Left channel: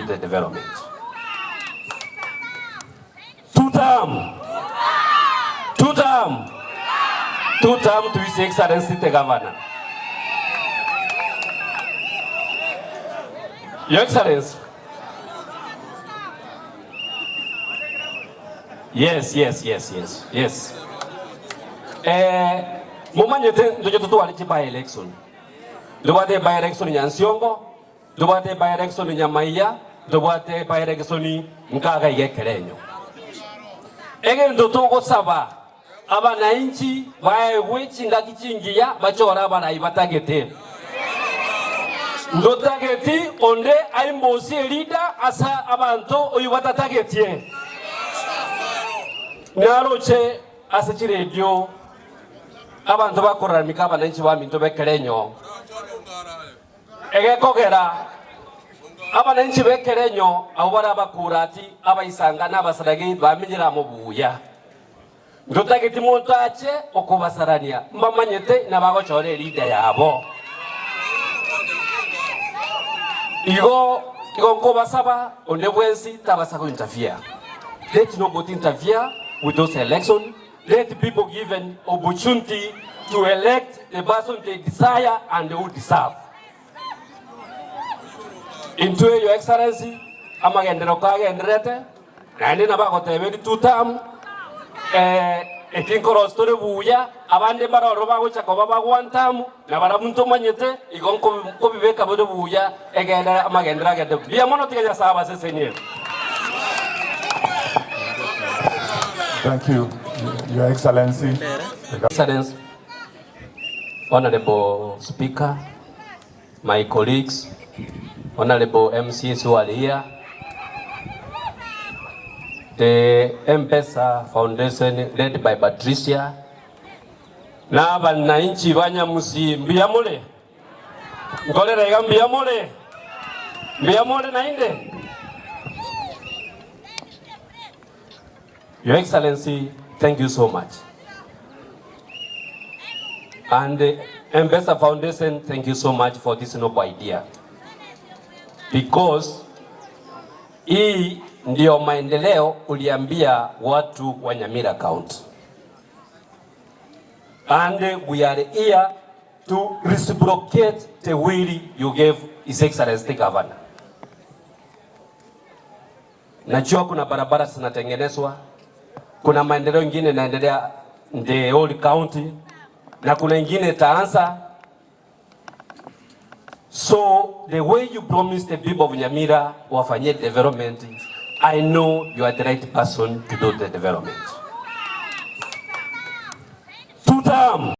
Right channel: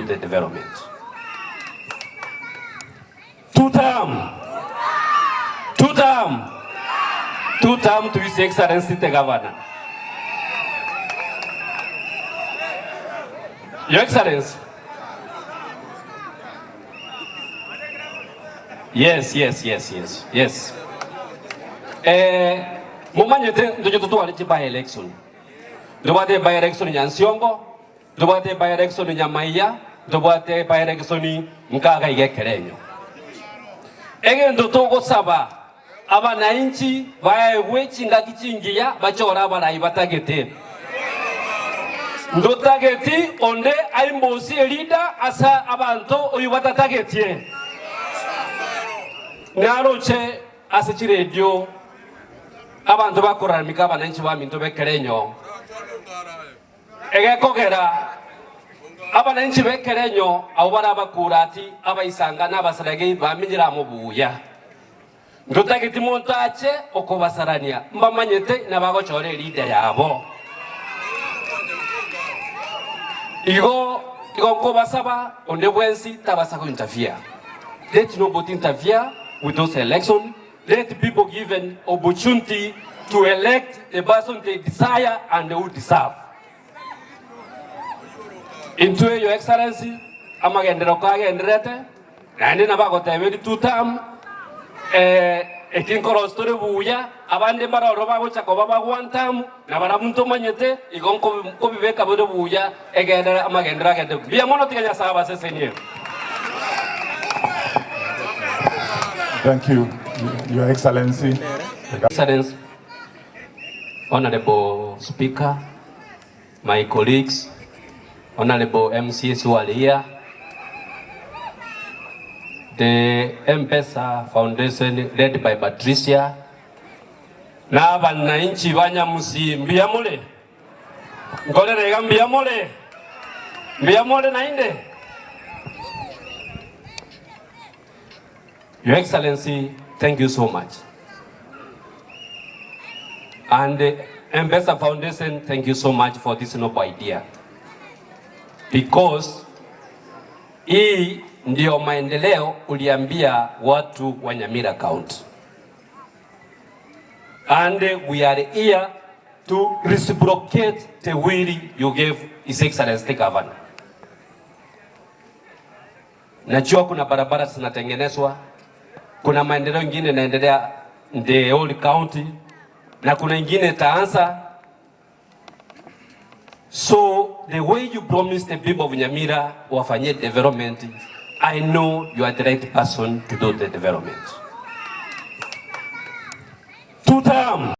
do the development. Two-term to His Excellency the Governor. Your Excellency. Yes. Momanyete ndojo tutu walichi by election. Dubate by election ya Nsiongo, dubate by election ya Maiya, dubate by election Nkaga Yekerenyo. Ege ndoto saba abananchi baewe chinga kichingia bachora balayi batagete. Ndotageti onde aimbosi leader asa abantu oyubata tagetie. Naroche asachire radio abantu bakora mikaba lenchi wa minto bekerenyo. Ege kogera abananchi bekerenyo awara bakurati abayisanga n'abasarage bamigira mu buya. Ndotageti montache okobasarania mbamanyete nabagochore leader yabo. Igo kobasaba onde bwensi tabasa ko interfere. Let nobody interfere with those elections. Let people given opportunity to elect the person they desire and they would deserve. Into Your Excellency, amagendera kwa genderete, nani nabagote very two-term. Ekinkoro story buya abande baroroba guchako baba one-term na baramuntu manyete igonko bibeka bode buya egera amagendera gede bia mono tiganya saba sesenye. Thank you, Your Excellency. Excellency, Honorable Speaker, my colleagues, Honorable MCs who are here, the M-Pesa Foundation led by Patricia, na abananchi banyamusi mbiyamule, ngolera mbiyamule na inde. Your Excellency, thank you so much. And the M-Pesa Foundation, thank you so much for this noble idea. Because hii ndio maendeleo uliambia watu wa Nyamira County. And we are here to reciprocate the will you gave His Excellency the Governor. Najua kuna barabara zinatengenezwa, kuna maendeleo ingine yanaendelea the whole county, na kuna ingine taanza. So the way you promised the people of Nyamira wafanyie development, I know you are the right person to do the development.